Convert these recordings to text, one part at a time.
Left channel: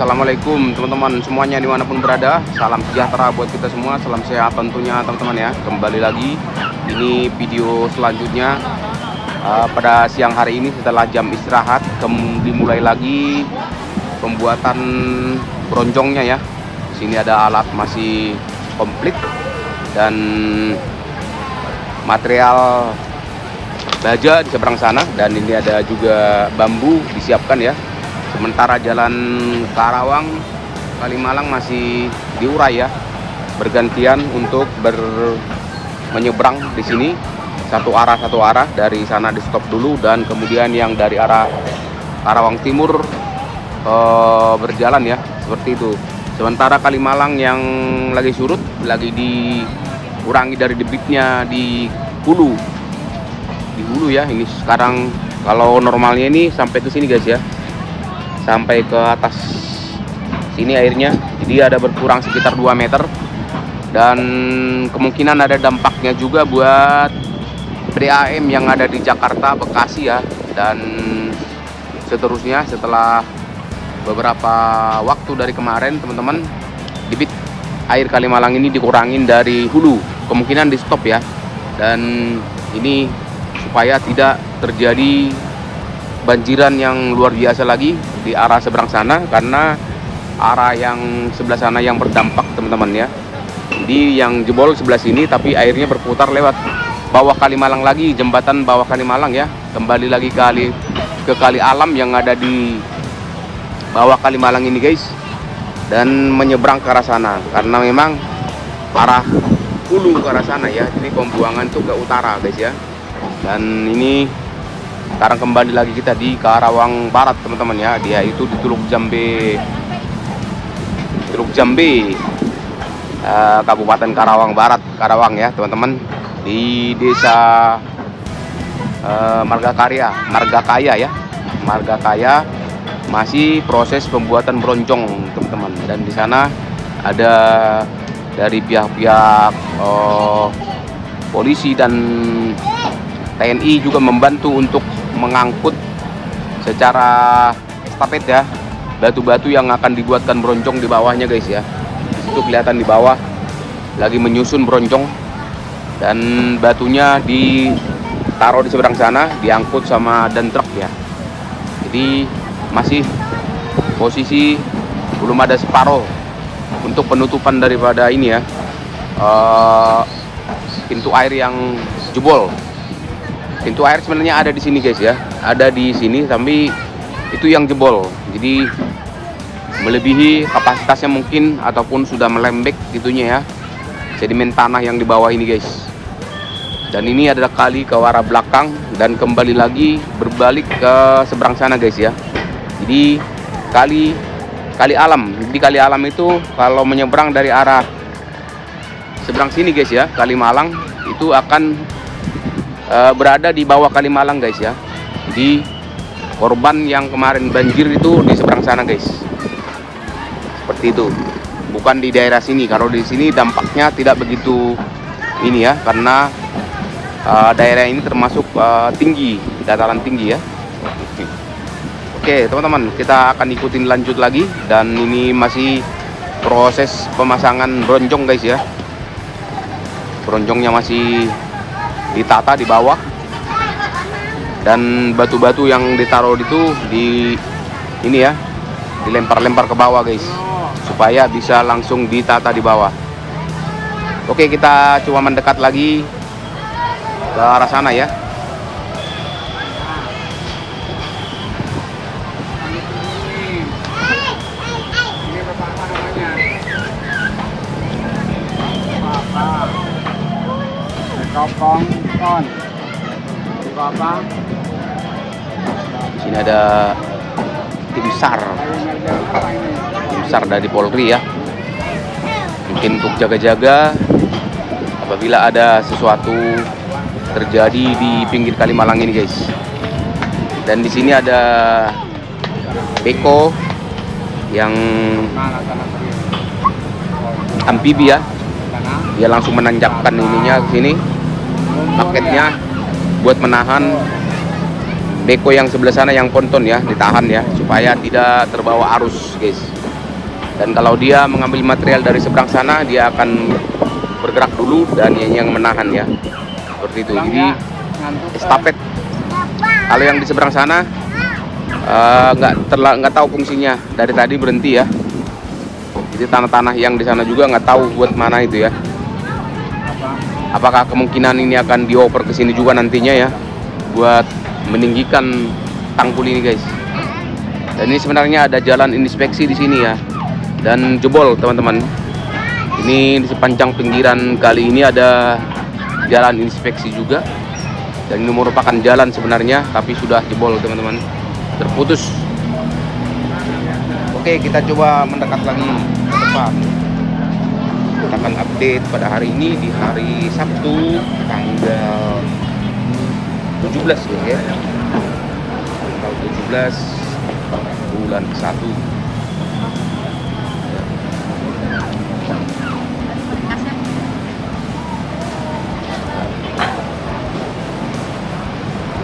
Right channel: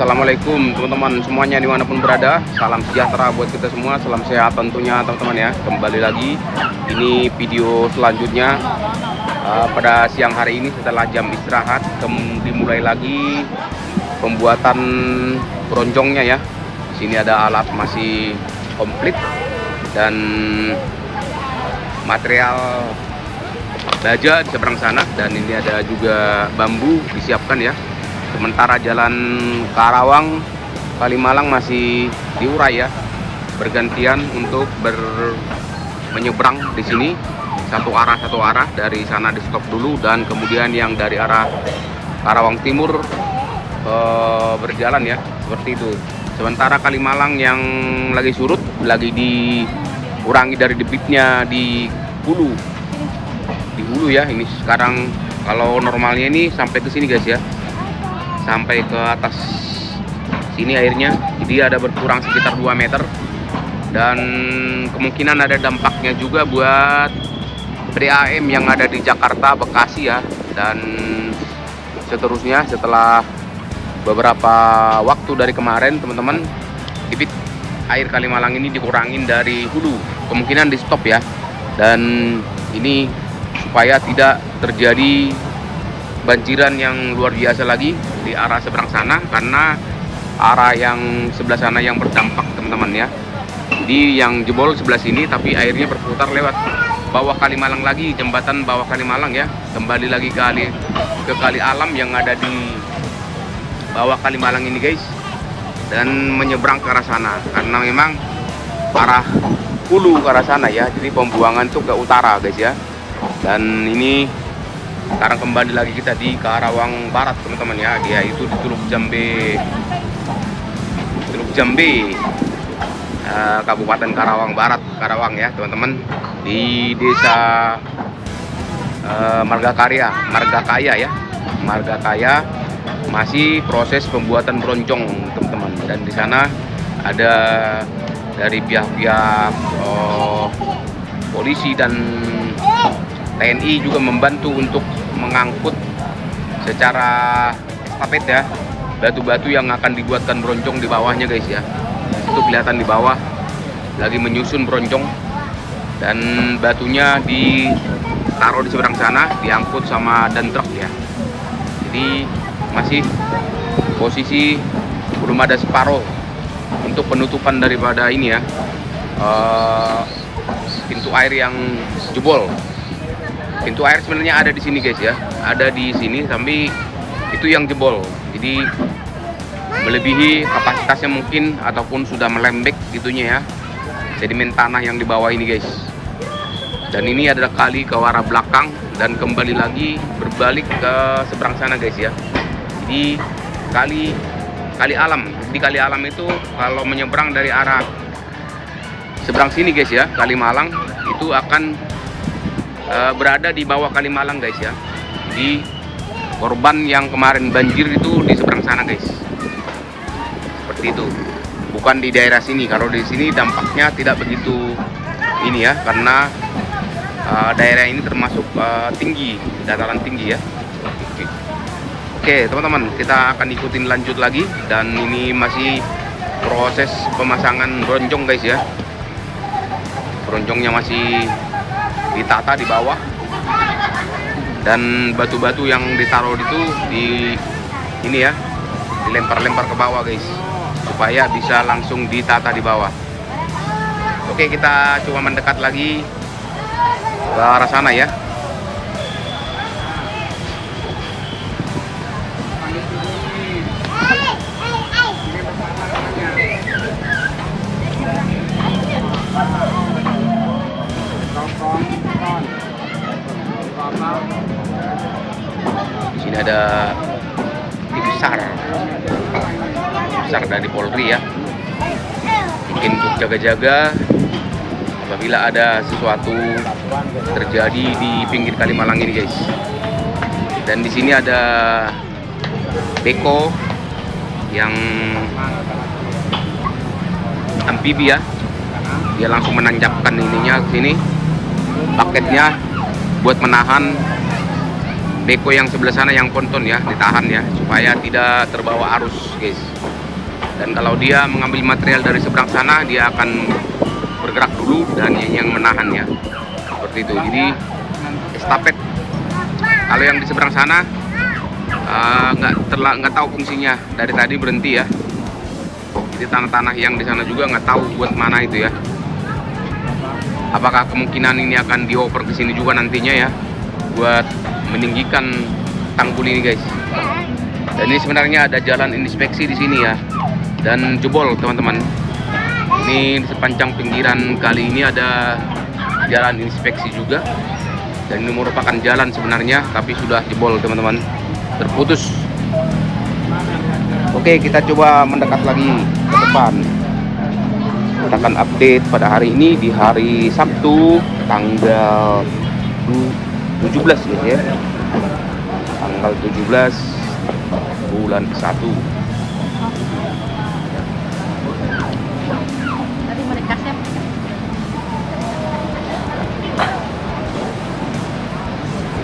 Assalamualaikum teman-teman semuanya dimanapun berada. Salam sejahtera buat kita semua, salam sehat tentunya teman-teman ya. Kembali lagi, ini video selanjutnya pada siang hari ini setelah jam istirahat. Dimulai lagi pembuatan bronjongnya ya. Sini ada alat masih komplit dan material baja di seberang sana, dan ini ada juga bambu disiapkan ya. Sementara jalan Karawang Kalimalang masih diurai ya, bergantian untuk menyeberang di sini satu arah dari sana di stop dulu, dan kemudian yang dari arah Karawang Timur berjalan ya, seperti itu. Sementara Kalimalang yang lagi surut, lagi dikurangi dari debitnya di hulu ya. Ini sekarang kalau normalnya ini sampai ke sini guys ya, sampai ke atas sini airnya, jadi ada berkurang sekitar 2 meter, dan kemungkinan ada dampaknya juga buat PDAM yang ada di Jakarta, Bekasi ya, dan seterusnya. Setelah beberapa waktu dari kemarin teman-teman, debit air Kalimalang ini dikurangin dari hulu, kemungkinan di stop ya, dan ini supaya tidak terjadi banjiran yang luar biasa lagi di arah seberang sana, karena arah yang sebelah sana yang berdampak teman-teman ya. Jadi yang jebol sebelah sini, tapi airnya berputar lewat bawah Kalimalang lagi, jembatan bawah Kalimalang ya, kembali lagi ke kali alam yang ada di bawah Kalimalang ini guys, dan menyeberang ke arah sana, karena memang arah hulu ke arah sana ya, jadi pembuangan tuh ke utara guys ya. Dan ini sekarang kembali lagi kita di Karawang Barat teman-teman ya, dia itu di Teluk Jambe, Kabupaten Karawang Barat, Karawang ya teman-teman, di desa Margakaya masih proses pembuatan bronjong teman-teman. Dan di sana ada dari pihak-pihak polisi dan TNI juga membantu untuk mengangkut secara estafet ya, batu-batu yang akan dibuatkan bronjong di bawahnya guys ya. Itu kelihatan di bawah lagi menyusun bronjong, dan batunya ditaruh di seberang sana, diangkut sama dan truk ya. Jadi masih posisi belum ada separuh untuk penutupan daripada ini ya, pintu air yang jebol. Pintu air sebenarnya ada di sini guys ya, ada di sini, tapi itu yang jebol, jadi melebihi kapasitasnya mungkin, ataupun sudah melembek gitunya ya, sedimen tanah yang di bawah ini guys. Dan ini adalah kali ke arah belakang dan kembali lagi berbalik ke seberang sana guys ya. Jadi kali alam, jadi kali alam itu kalau menyeberang dari arah seberang sini guys ya, Kalimalang itu akan berada di bawah Kalimalang guys ya. Jadi korban yang kemarin banjir itu di seberang sana guys, seperti itu, bukan di daerah sini. Kalau di sini dampaknya tidak begitu ini ya, karena daerah ini termasuk tinggi, dataran tinggi ya. Oke teman-teman, kita akan ikutin lanjut lagi, dan ini masih proses pemasangan bronjong guys ya. Bronjongnya masih ditata di bawah, dan batu-batu yang ditaruh itu ini ya, dilempar-lempar ke bawah guys, supaya bisa langsung ditata di bawah. Oke, kita coba mendekat lagi ke arah sana ya. Ini ada tim SAR dari Polri ya, mungkin untuk jaga-jaga apabila ada sesuatu terjadi di pinggir Kalimalang ini guys. Dan di sini ada beko yang amfibi ya, dia langsung menanjapkan ininya sini, paketnya buat menahan beko yang sebelah sana yang ponton ya, ditahan ya, supaya tidak terbawa arus guys. Dan kalau dia mengambil material dari seberang sana, dia akan bergerak dulu dan yang menahan ya. Seperti itu. Jadi estafet. Kalau yang di seberang sana nggak tahu fungsinya, dari tadi berhenti ya. Jadi tanah-tanah yang di sana juga nggak tahu buat mana itu ya. Apakah kemungkinan ini akan dioper ke sini juga nantinya ya, buat meninggikan tanggul ini guys. Dan ini sebenarnya ada jalan inspeksi di sini ya, dan jebol teman-teman. Ini di sepanjang pinggiran kali ini ada jalan inspeksi juga, dan ini merupakan jalan sebenarnya, tapi sudah jebol teman-teman, terputus. Oke, kita coba mendekat lagi ke depan. Kita akan update pada hari ini di hari Sabtu tanggal 17 ya. Tanggal 17 bulan 1. Ya.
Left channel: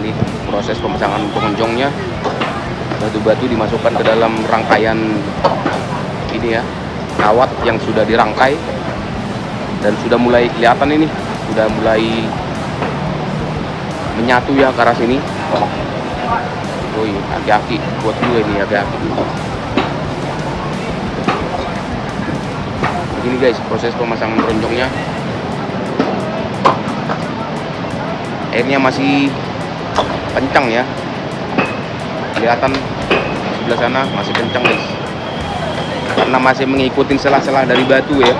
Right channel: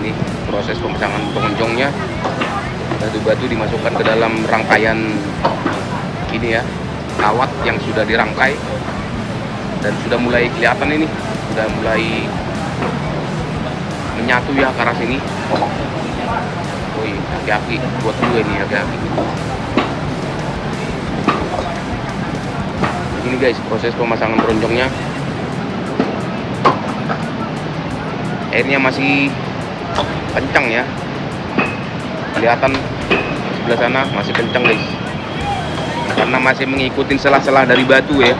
Ini proses pemasangan pengunjungnya. Batu-batu dimasukkan ke dalam rangkaian ini ya, kawat yang sudah dirangkai, dan sudah mulai kelihatan ini, sudah mulai menyatu ya ke arah sini. Woi, aki-aki buat juga ini, aki-aki. Begini guys proses pemasangan ronjongnya. Airnya masih kencang ya, kelihatan sebelah sana masih kencang guys, karena masih mengikuti selah-selah dari batu ya.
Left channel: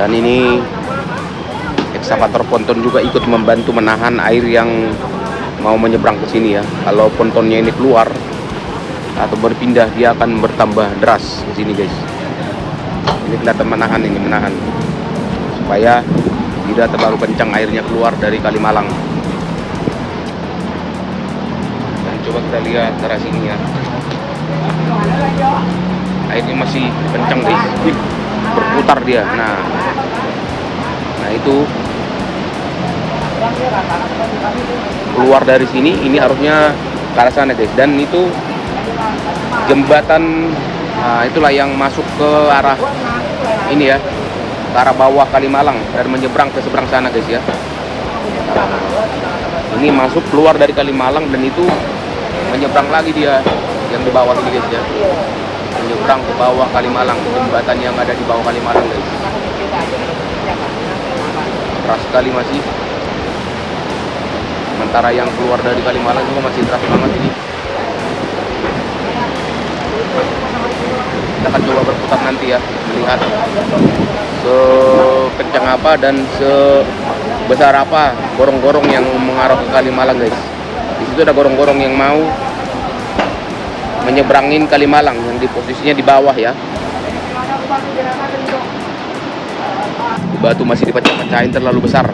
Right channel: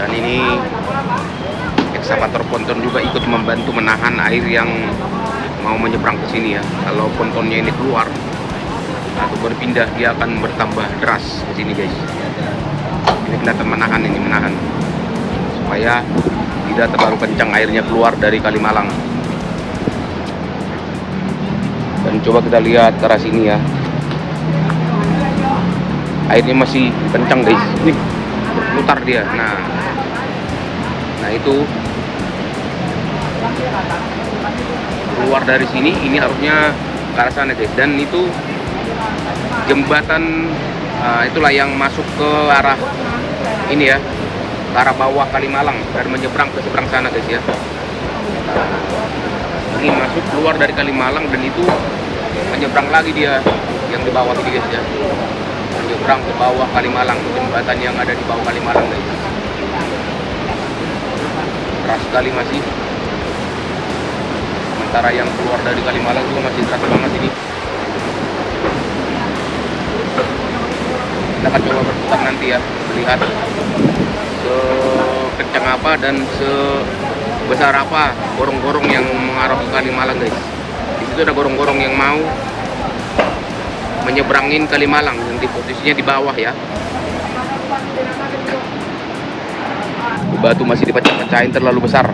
Dan ini ekskavator ponton juga ikut membantu menahan air yang mau menyeberang ke sini ya. Kalau pontonnya ini keluar atau berpindah, dia akan bertambah deras di sini guys. Ini kelihatan menahan, ini menahan supaya tidak terlalu kencang airnya keluar dari Kalimalang. Dan coba kita lihat ke arah sini ya, airnya masih kencang guys. Wih, berputar dia. Nah itu keluar dari sini, ini harusnya ke arah sana guys. Dan itu jembatan, itulah yang masuk ke arah ini ya, ke arah bawah Kalimalang, dan menyeberang ke seberang sana guys ya. Ini masuk keluar dari Kalimalang, dan itu menyeberang lagi dia yang di bawah ini guys ya, menyeberang ke bawah Kalimalang, jembatan yang ada di bawah Kalimalang guys. Keras sekali masih, sementara yang keluar dari Kalimalang juga masih keras banget ini. Kita akan coba berputar nanti ya, melihat sekencang apa dan sebesar apa gorong-gorong yang mengarah ke Kalimalang guys. Di situ ada gorong-gorong yang mau menyeberangin Kalimalang, yang di posisinya di bawah ya. Batu masih dipecah-pecahin terlalu besar.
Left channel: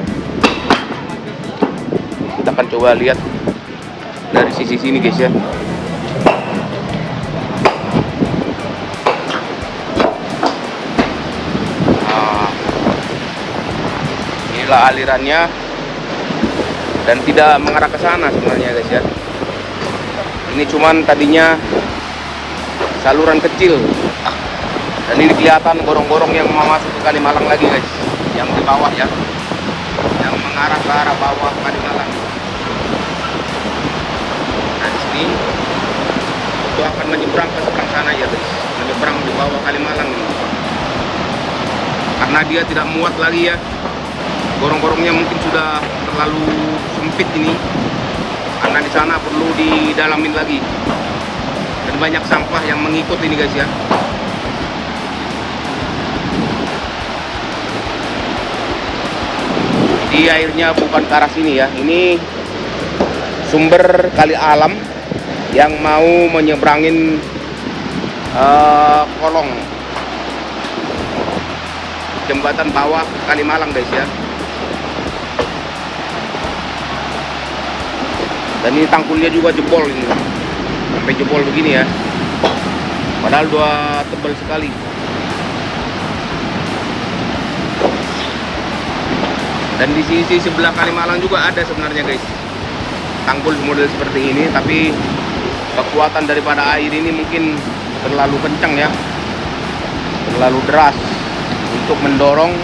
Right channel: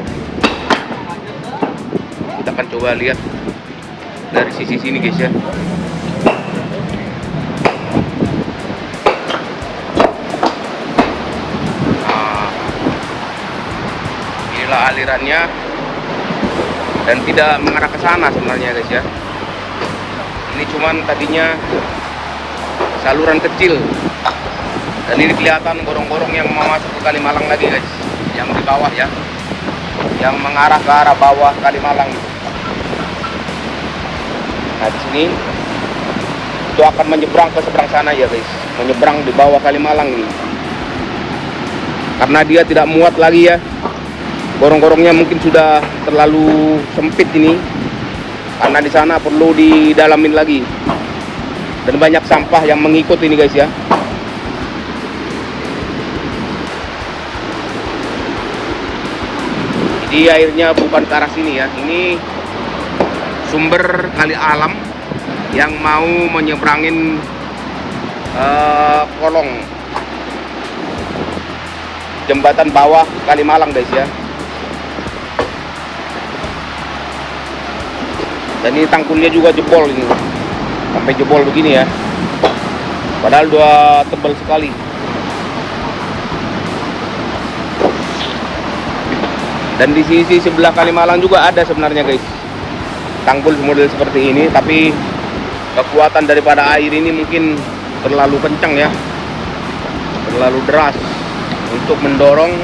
Kita akan coba lihat dari sisi sini guys ya. Nah, inilah alirannya, dan tidak mengarah ke sana sebenarnya guys ya. Ini cuman tadinya saluran kecil, dan ini kelihatan gorong-gorong yang mau masuk ke Kalimalang lagi guys, yang di bawah ya, yang mengarah ke arah bawah Kalimalang. Nah di sini itu akan menyeberang ke seberang sana ya guys, menyeberang di bawah Kalimalang ini, karena dia tidak muat lagi ya. Gorong-gorongnya mungkin sudah terlalu sempit ini, karena di sana perlu didalamin lagi, dan banyak sampah yang mengikut ini guys ya. Jadi airnya bukan ke arah sini ya, ini sumber kali alam yang mau menyeberangin kolong jembatan bawah Kalimalang guys ya. Dan ini tangkulnya juga jebol ini, sampai jebol begini ya. Padahal dua tebal sekali. Dan di sisi sebelah Kalimalang juga ada sebenarnya guys, tanggul model seperti ini, tapi kekuatan daripada air ini mungkin terlalu kencang ya, terlalu deras untuk mendorong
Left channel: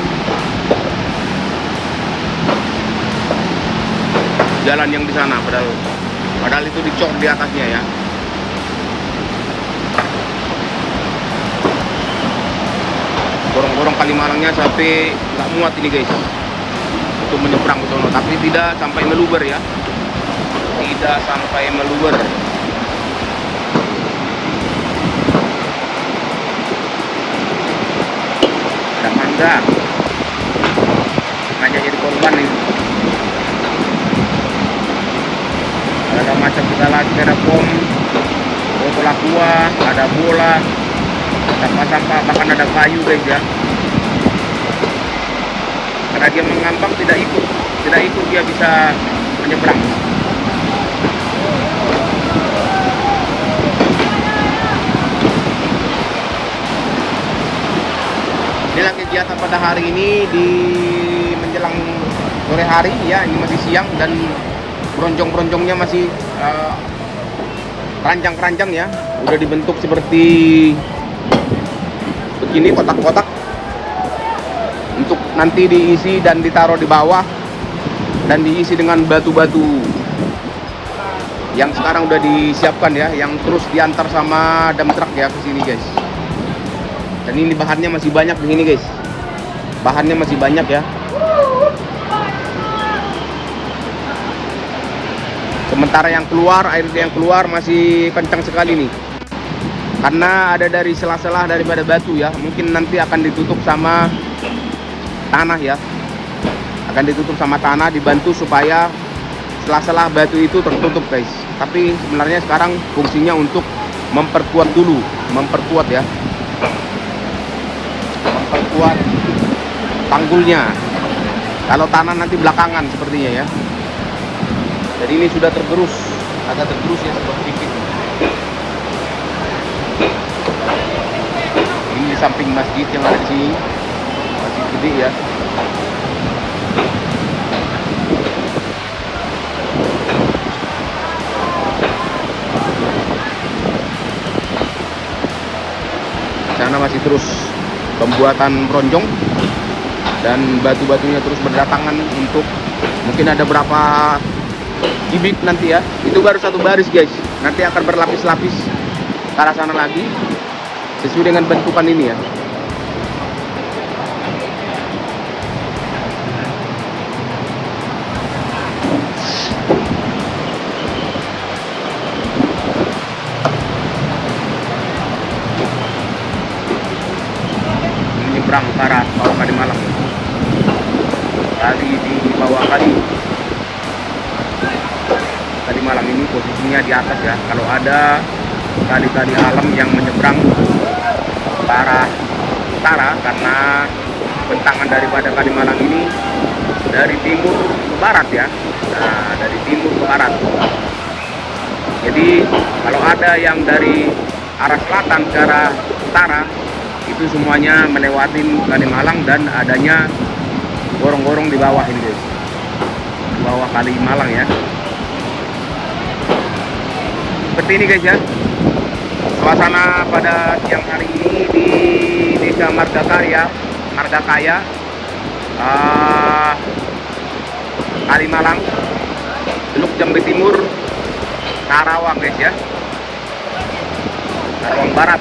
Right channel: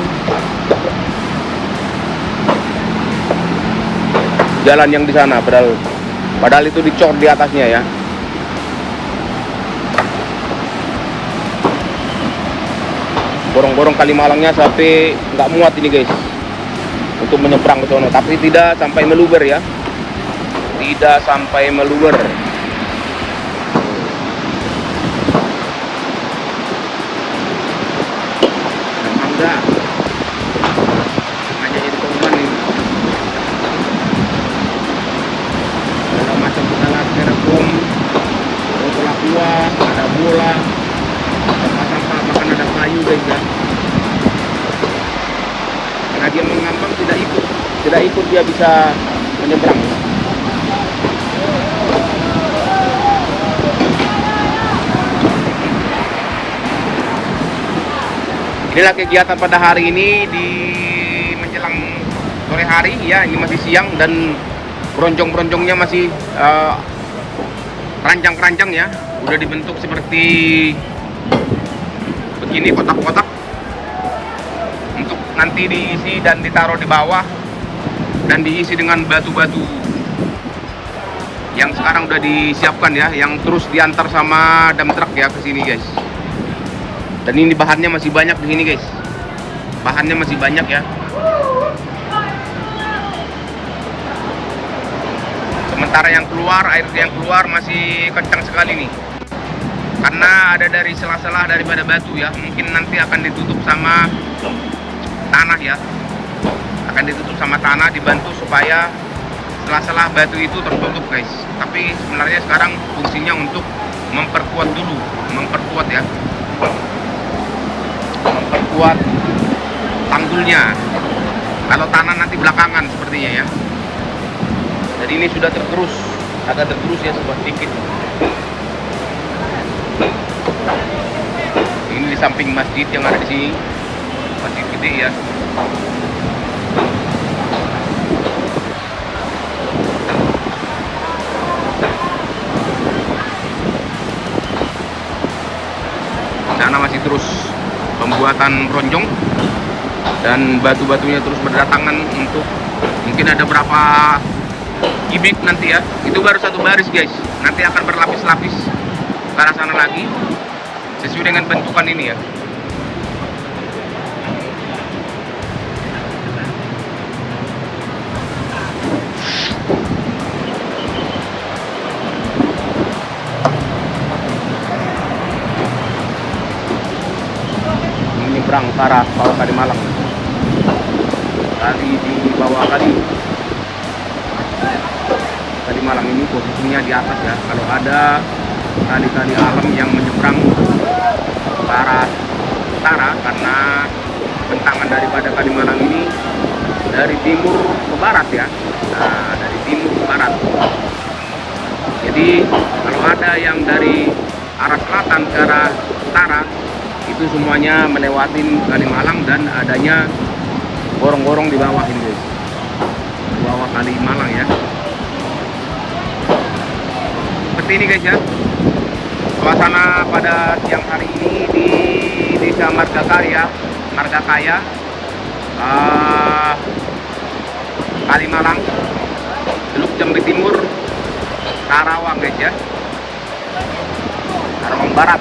jalan yang di sana. Padahal itu dicor di atasnya ya. Gorong-gorong Kalimalangnya sampai nggak muat ini guys untuk menyeberang ke sono, tapi tidak sampai meluber ya, tidak sampai meluber. Hanya jadi korban ini. Ada macam segala styrofoam, botol aqua, ada bola, sampah-sampah, bahkan ada kayu guys ya. Karena dia mengambang tidak ikut dia bisa menyeberang. Inilah kegiatan pada hari ini di menjelang sore hari ya. Ini masih siang dan bronjong-bronjongnya masih keranjang-keranjang ya. Udah dibentuk seperti begini, kotak-kotak, untuk nanti diisi dan ditaruh di bawah dan diisi dengan batu-batu yang sekarang udah disiapkan ya, yang terus diantar sama dump truck ya ke sini guys. Dan ini bahannya masih banyak di sini guys, bahannya masih banyak ya. Sementara yang keluar, air yang keluar masih kencang sekali nih, karena ada dari sela-sela daripada batu ya. Mungkin nanti akan ditutup sama tanah ya, akan ditutup sama tanah, dibantu supaya sela-sela batu itu tertutup guys. Tapi sebenarnya sekarang fungsinya untuk memperkuat dulu, memperkuat ya, memperkuat tanggulnya. Kalau tanah nanti belakangan sepertinya ya. Jadi ini sudah tergerus, agak tergerus ya, sebuah sedikit. Ini di samping masjid yang ada di sini, masjid gede ya. Sana masih terus pembuatan bronjong dan batu-batunya terus berdatangan untuk, mungkin ada berapa kubik nanti ya. Itu baru satu baris guys, nanti akan berlapis-lapis ke arah sana lagi sesuai dengan bentukan ini ya. Menyeberang ke arah bawah Kalimalang dari di bawah Kalimalang ini posisinya di atas ya. Kalau ada kali-kali alam yang menyeberang ke arah utara, karena bentangan daripada Kalimalang ini dari timur ke barat ya, dari timur ke barat. Jadi kalau ada yang dari arah selatan ke arah utara, itu semuanya melewati Kalimalang dan adanya gorong-gorong di bawah ini guys, di bawah Kalimalang ya. Seperti ini guys ya suasana pada siang hari ini di Desa Margakarya, Kalimalang, Teluk Jambe Timur, Karawang guys ya, Karawang Barat.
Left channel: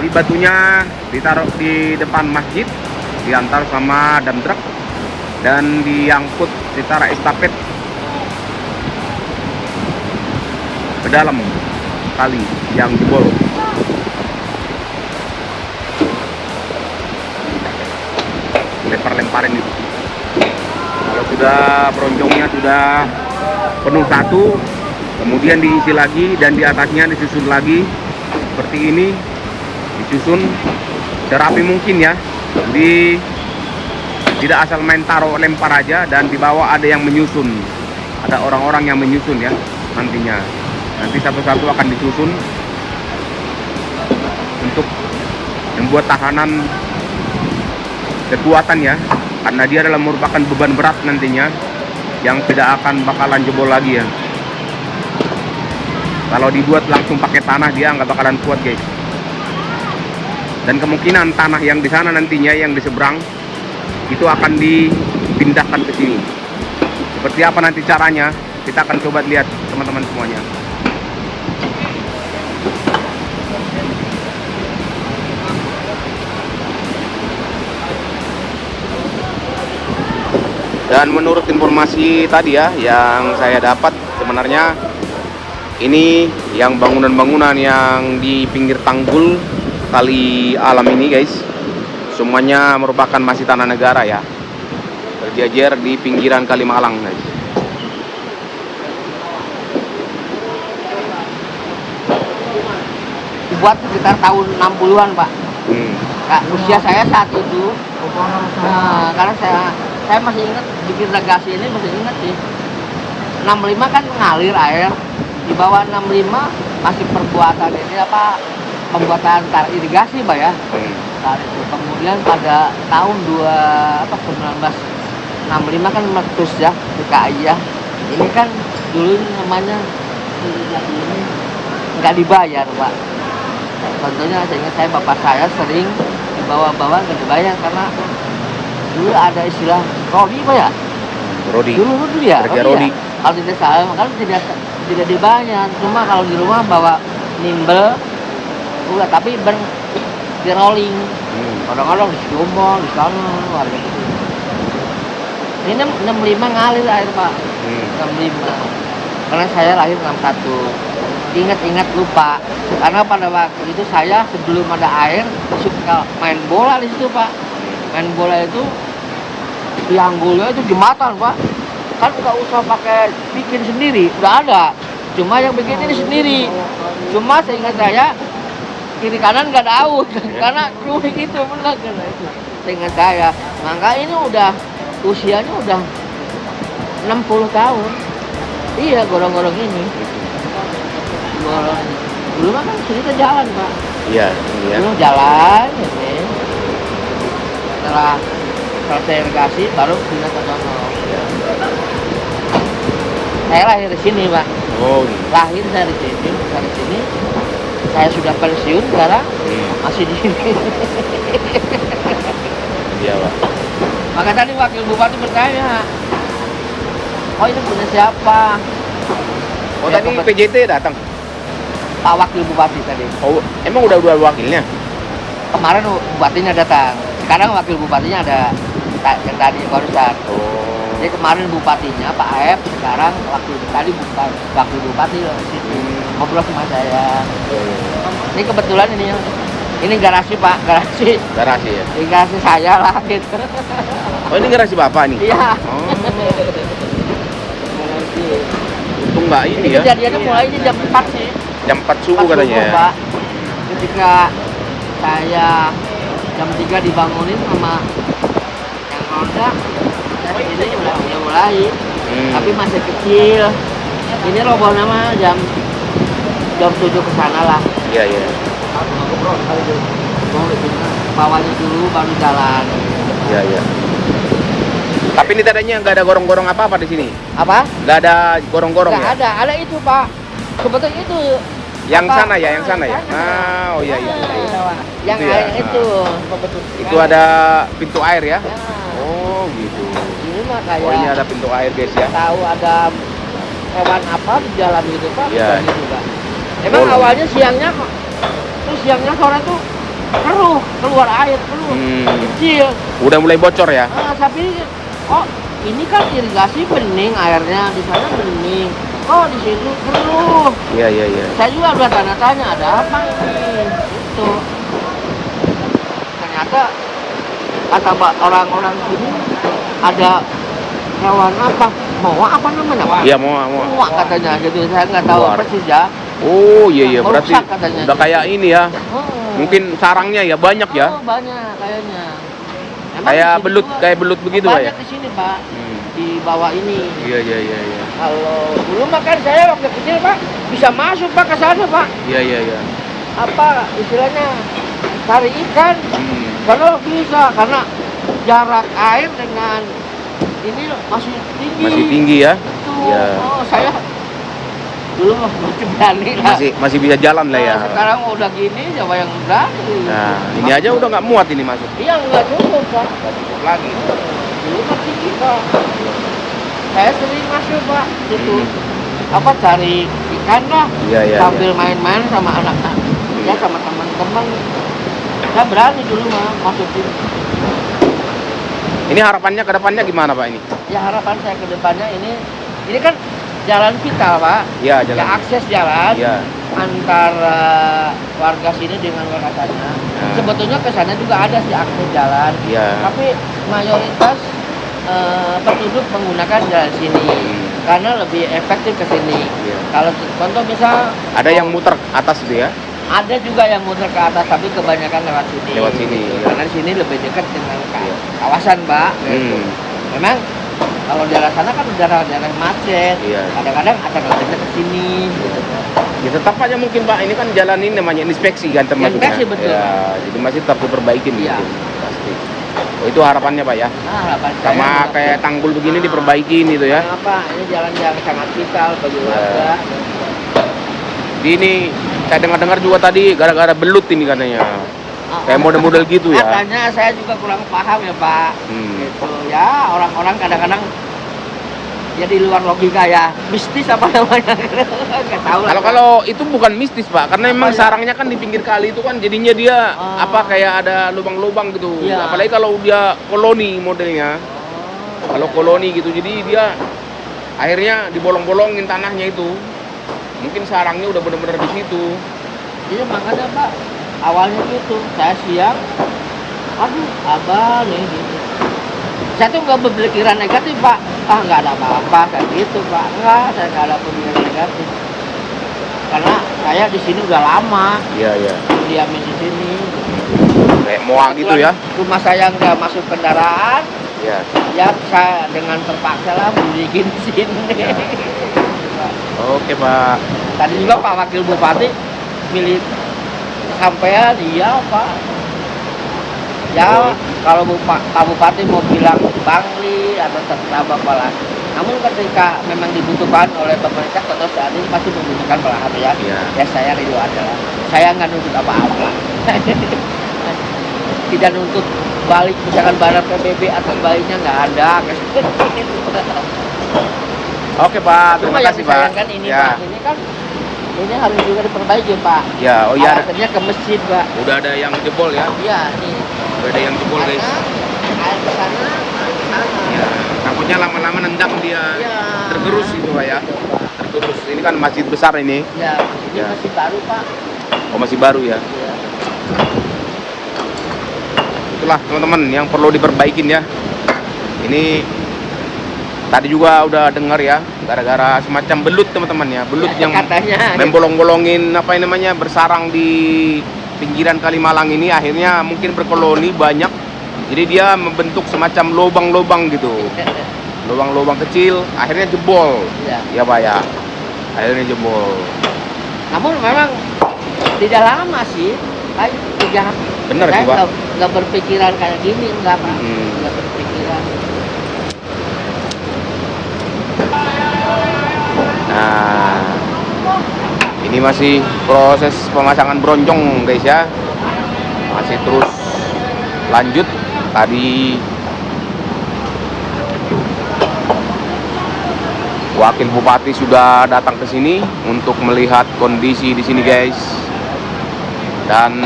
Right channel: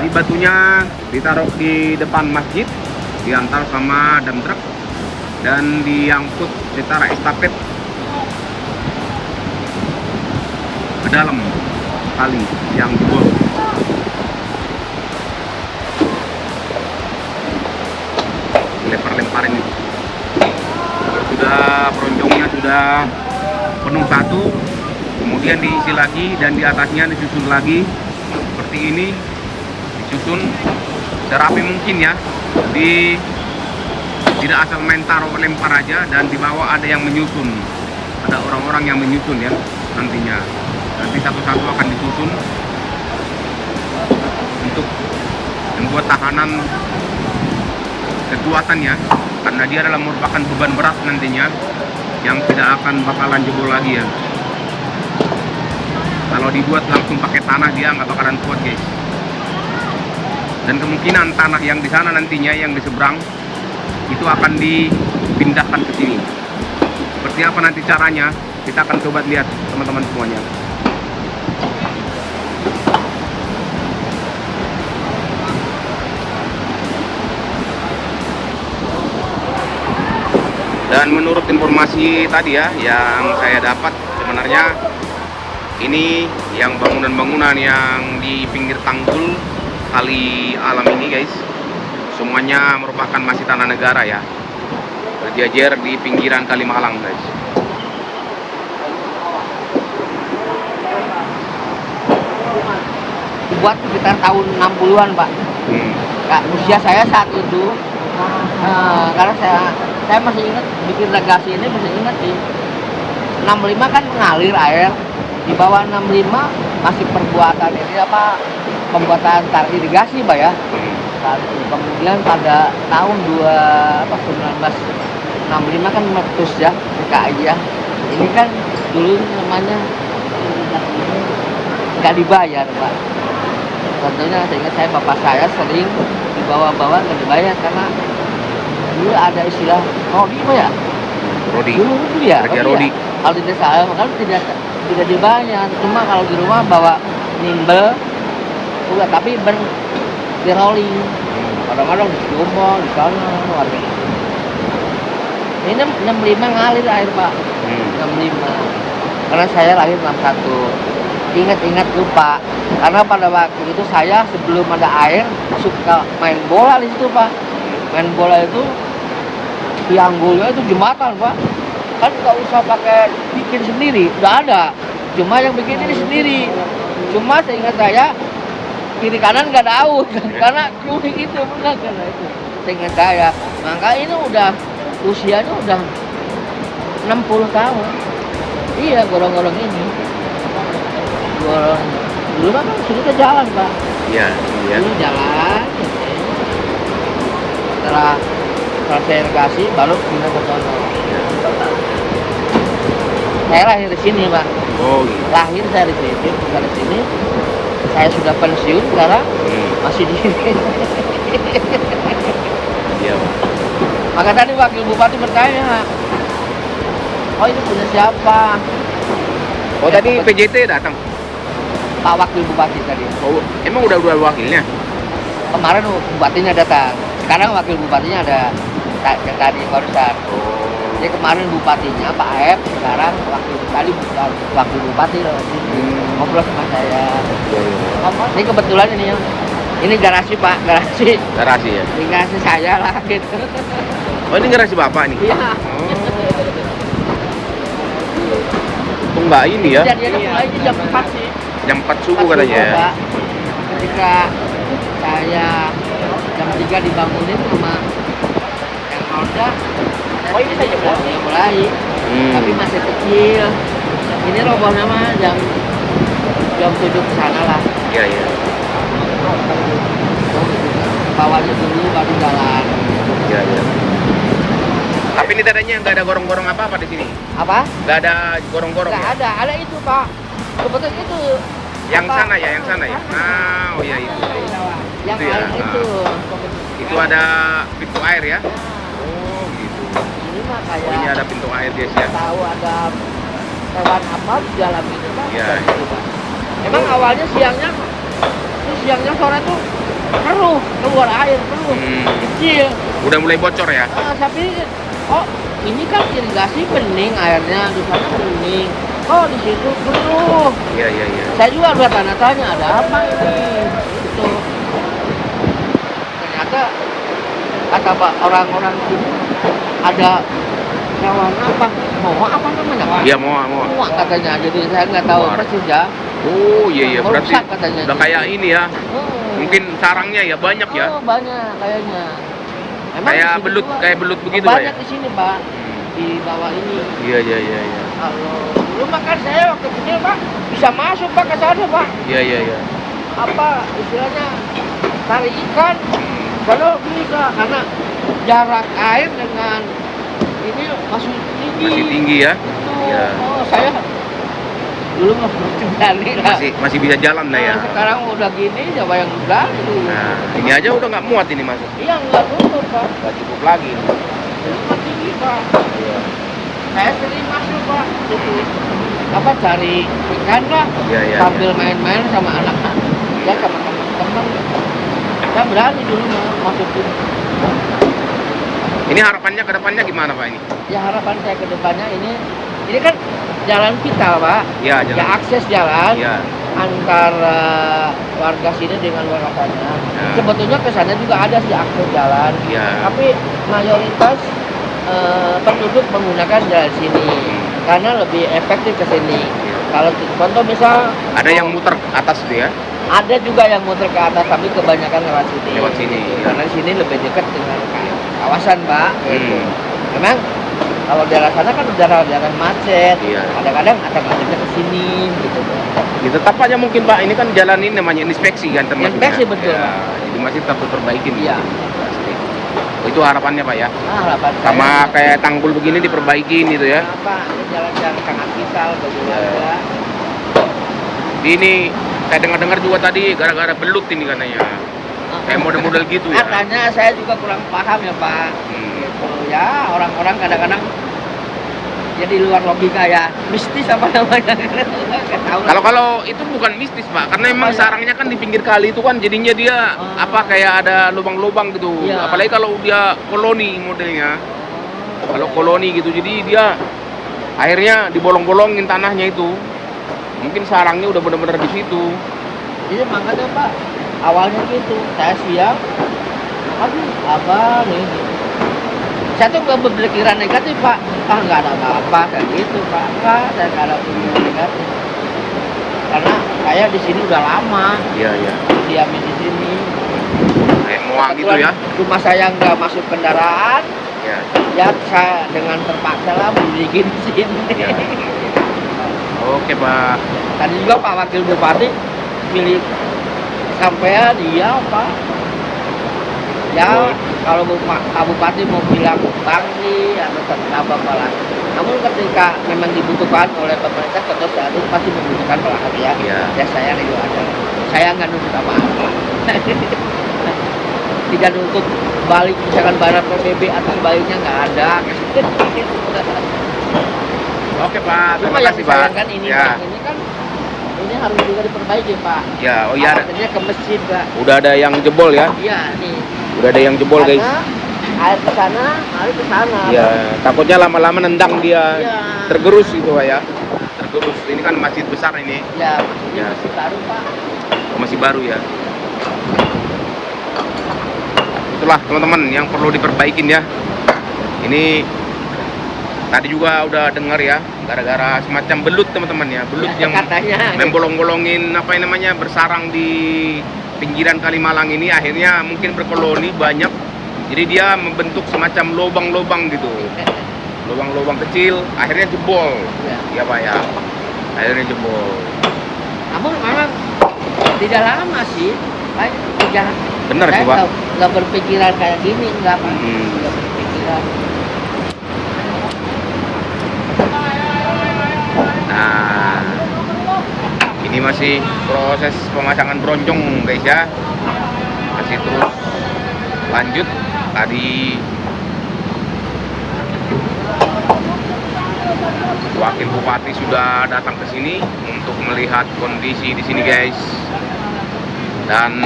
Jadi batunya ditaruh di depan masjid, diantar sama dump truck dan diangkut secara estafet ke dalam kali yang jebol. Lempar-lemparin itu. Kalau sudah bronjongnya sudah penuh satu, kemudian diisi lagi dan di atasnya disusun lagi seperti ini, disusun serapi mungkin ya. Jadi tidak asal main taruh lempar aja, dan di bawah ada yang menyusun, ada orang-orang yang menyusun ya nantinya. Nanti satu-satu akan disusun untuk membuat tahanan kekuatan ya, karena dia adalah merupakan beban berat nantinya yang tidak akan bakalan jebol lagi ya. Kalau dibuat langsung pakai tanah dia nggak bakalan kuat guys. Dan kemungkinan tanah yang di sana nantinya yang di seberang itu akan dipindahkan ke sini. Seperti apa nanti caranya, kita akan coba lihat teman-teman semuanya. Dan menurut informasi tadi ya yang saya dapat, sebenarnya ini yang bangunan-bangunan yang di pinggir tanggul kali alam ini guys, semuanya merupakan masih tanah negara ya, berjejer di pinggiran Kali Malang guys. Dibuat sekitar tahun 60-an Pak. Kak, usia saya saat itu, karena saya masih ingat bikin legasi ini, masih ingat sih. 65 kan mengalir air, di bawah 65 masih perbuatan ini apa, pembuatan tar irigasi Pak ya. Saat itu kemudian pada tahun 1965 kan meletus ya PKI ya. Ini kan dulu namanya irigasi ini nggak dibayar Pak. Contohnya saya ingat bapak saya sering dibawa-bawa nggak dibayar karena dulu ada istilah rodi Pak ya. Rodi. Dulu ya. Rodi. Ya. Kalau tidak salah kan tidak dibayar. Cuma kalau di rumah bawa nimbel udah, tapi di rolling. Kadang-kadang di Jombang, di sana warga itu. Ini 65 ngalir air Pak. 65. Karena saya lahir 61. Ingat-ingat lupa. Karena pada waktu itu saya sebelum ada air suka main bola di situ Pak. Main bola itu tianggulnya itu jembatan Pak. Kan nggak usah pakai bikin sendiri, udah ada. Cuma yang bikin ini sendiri. Cuma seingat saya kiri kanan nggak ada aut karena kruing itu benar karena itu seingat saya. Maka ini udah usianya udah 60 tahun. Iya, gorong-gorong ini. Gorong. Dulu kan sini ke jalan Pak. Iya. Dulu jalan ini. Setelah selesai irigasi baru pindah ke sono. Iya. Saya lahir di sini Pak. Oh gitu. Lahir saya di sini, besar di sini. Saya sudah pensiun sekarang, masih di sini. Iya Pak. Maka tadi wakil bupati bertanya, oh ini punya siapa? Oh ya, tadi PJT datang? Pak wakil bupati tadi. Oh emang udah wakilnya? Kemarin bupatinya datang, sekarang wakil bupatinya ada yang tadi barusan. Oh. Jadi kemarin bupatinya Pak Aep, sekarang wakil bupati loh sini. Ngobrol sama saya. Iya. Ini kebetulan ini garasi Pak, garasi. Garasi ya? Garasi saya lah gitu. Oh ini garasi Bapak nih? Iya. Oh. Untung nggak ini ya? Kejadiannya mulai ini jam 4 sih. Jam 4 subuh katanya ya? Pak. Ketika saya jam 3 dibangunin sama yang ronda, ini udah mulai. Tapi masih kecil. Ini robohnya mah jam 7 ke sana lah. Iya. Oh itu bawahnya dulu baru jalan. Iya. Tapi ini tadinya nggak ada gorong-gorong apa-apa di sini? Apa? Nggak ada gorong-gorong ya? Nggak ada itu Pak. Sebetulnya itu. Yang sana ya? Ah, oh ya itu. Yang itu ya. Itu. Itu ada pintu air ya? Oh gitu. Oh ini ada pintu air guys ya? Tahu ada hewan apa di jalan gitu kan? Iya. Emang awalnya siangnya sore tuh keluar air kecil. Udah mulai bocor ya? Tapi ini kan irigasi bening airnya, di sana bening. Di situ keruh. Iya. Saya juga udah tanya-tanya ada apa ini? Itu. Ternyata kata orang-orang sini ada hewan apa? Moa apa namanya, Pak? Iya, moa. Moa katanya, jadi saya nggak tahu Luar. persis ya. Oh iya berarti Merusak katanya udah gitu. kayak ini ya. Oh. Mungkin sarangnya ya banyak ya. Oh, banyak kayaknya. Emang Kayak di sini belut, juga kayak belut begitu banyak ya. di sini, Pak. Di bawah ini. Iya. Kalau dulu makan saya waktu kecil, Pak, bisa masuk Pak ke sana, Pak. Iya. Apa istilahnya cari ikan? Karena bisa, karena jarak air dengan ini masih tinggi. Masih tinggi ya. Betul. Iya. Oh, saya dulu masih berani lah. Masih bisa jalan lah ya. Nah, sekarang udah gini, siapa yang berani? Nah, ini aja udah nggak muat ini masuk. Iya, nggak cukup, Pak. Nggak cukup lagi. Dulu masih bisa. Saya sering masuk, Pak. Itu apa cari ikan lah. Iya. Sambil main-main sama anak-anak. Ya sama teman-teman. Saya berani dulu masuk sini. Ini harapannya ke depannya gimana Pak ini? Ya harapan saya ke depannya ini kan jalan vital, Pak. Iya, jalan. Ya akses jalan Iya. antara warga sini dengan warga sana. Nah. Sebetulnya ke sana juga ada sih akses jalan. Iya. Tapi mayoritas penduduk menggunakan jalan sini karena lebih efektif ke sini. Iya. Kalau contoh misal Ada yang muter atas itu ya? ada juga yang muter ke atas, tapi kebanyakan lewat sini. Lewat sini, gitu. ya. Karena di sini lebih dekat dengan Iya. kawasan, Pak. Gitu. Memang kalau daerah sana kan daerah macet. Iya. Kadang-kadang alternatifnya ke sini, gitu, Pak. Ya tetap aja mungkin Pak, ini kan jalan ini namanya inspeksi kan termasuknya. Inspeksi, betul, Ya, Pak. jadi masih tetap diperbaikin. Iya. mungkin. Pasti. Oh itu harapannya Pak ya? Nah, harapan saya Sama kayak tanggul begini diperbaikin gitu ya? apa ini jalan-jalan sangat vital bagi Iya. warga. Ini saya dengar-dengar juga tadi gara-gara belut ini katanya. Kayak model-model gitu ya? Katanya saya juga kurang paham ya, Pak. Gitu ya, orang-orang kadang-kadang ya di luar logika ya, mistis apa namanya. Nggak tahu lah. Kalau itu bukan mistis Pak, karena memang ya? sarangnya kan di pinggir kali itu kan jadinya dia apa kayak ada lubang-lubang gitu. Iya. Apalagi kalau dia koloni modelnya. Kalau koloni gitu, jadi dia akhirnya dibolong-bolongin tanahnya itu. Mungkin sarangnya udah benar-benar di situ. Iya makanya Pak, awalnya gitu, saya siang, aduh abah nih gitu. Saya tuh nggak berpikiran negatif Pak, nggak ada apa-apa kayak gitu Pak, enggak, saya nggak ada pikiran negatif. Karena saya di sini udah lama, Iya. diamin di sini. Gitu. Kayak moa gitu ya? Rumah saya nggak masuk kendaraan, Iya. ya saya dengan terpaksa lah berdiri di sini. Iya. Oke Pak. Tadi juga Pak Wakil Bupati milik sampean, iya Pak. Ya kalau Pak Bupati mau bilang Bangli atau terserah Bapak lah. Namun ketika memang dibutuhkan oleh pemerintah, tentu saat ini pasti membutuhkan pelahan ya. Iya. Ya saya ridho aja lah. Saya nggak nuntut apa-apa. Tidak nuntut balik misalkan barang PBB atau sebaliknya nggak ada. Oke Pak, terima Cuma yang kasih Pak. disayangkan ini Ya. Pak, ini kan ini harus juga diperbaiki Pak. Ya, oh iya ada. Akhirnya ke masjid Pak. Udah ada yang jebol ya? Iya nih. Udah ada yang jebol guys. Karena air ke sana, air ke sana. Ya, takutnya lama-lama nendang dia. Iya. Tergerus gitu Pak ya. Tergerus. Ini kan masjid besar ini. Ya, ini Ya. masih baru Pak. Oh masih baru ya. Iya. Itulah teman-teman yang perlu diperbaikin ya. Ini tadi juga udah dengar ya, gara-gara semacam belut teman-teman ya, belut yang Katanya. membolong-bolongin apa yang namanya bersarang di pinggiran Kalimalang ini, akhirnya mungkin berkoloni banyak, jadi dia membentuk semacam lubang-lubang gitu, lubang-lubang kecil, akhirnya jebol. Ya. Ya Pak ya, akhirnya jebol. Namun memang tidak lama sih, paling 3 Bener sih Pak. Nggak berpikiran kayak gini, enggak Pak. Nggak berpikiran. Nah, ini masih proses pemasangan bronjong guys ya, masih terus lanjut. Tadi Wakil Bupati sudah datang ke sini untuk melihat kondisi di sini guys, dan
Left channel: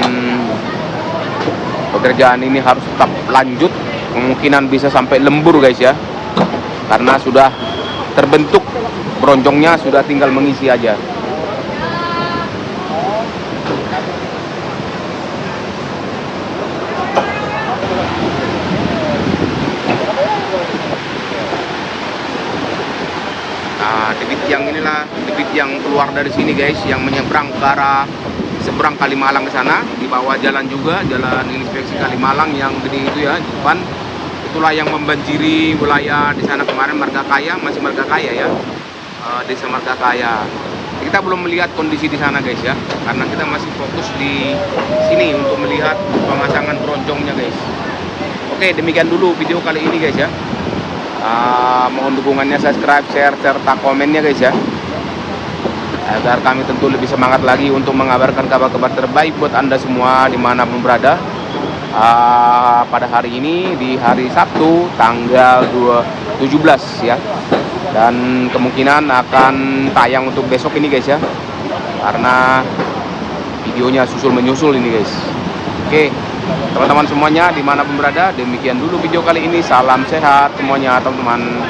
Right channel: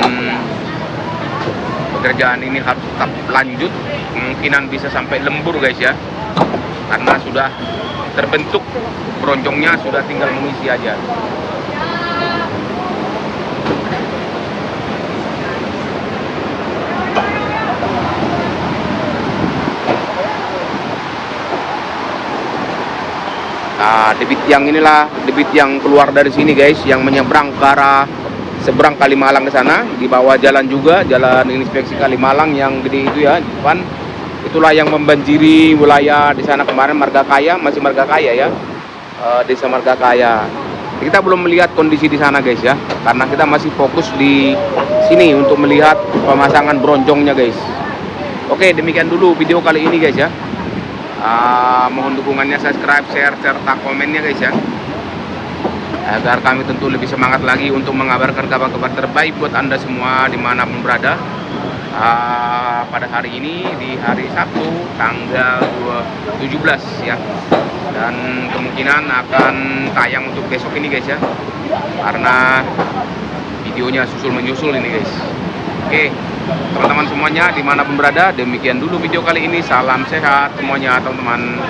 pekerjaan ini harus tetap lanjut, kemungkinan bisa sampai lembur guys ya, karena sudah terbentuk bronjongnya, sudah tinggal mengisi aja. debit yang inilah, debit yang keluar dari sini guys, yang menyeberang ke arah seberang Kalimalang ke sana, di bawah jalan juga, jalan inspeksi Kalimalang yang gede itu ya, di depan. Itulah yang membanjiri wilayah di sana kemarin, Margakaya, masih Margakaya ya, desa Margakaya. Kita belum melihat kondisi di sana guys ya, karena kita masih fokus di sini untuk melihat pemasangan bronjongnya guys. Oke, demikian dulu video kali ini guys ya. Mohon dukungannya, subscribe, share, serta komennya guys ya, agar kami tentu lebih semangat lagi untuk mengabarkan kabar-kabar terbaik buat Anda semua dimanapun berada. Pada hari ini, di hari Sabtu tanggal 17 ya, dan kemungkinan akan tayang untuk besok ini guys ya, karena videonya susul menyusul ini guys. Oke teman-teman semuanya dimanapun berada, demikian dulu video kali ini. Salam sehat semuanya teman-teman.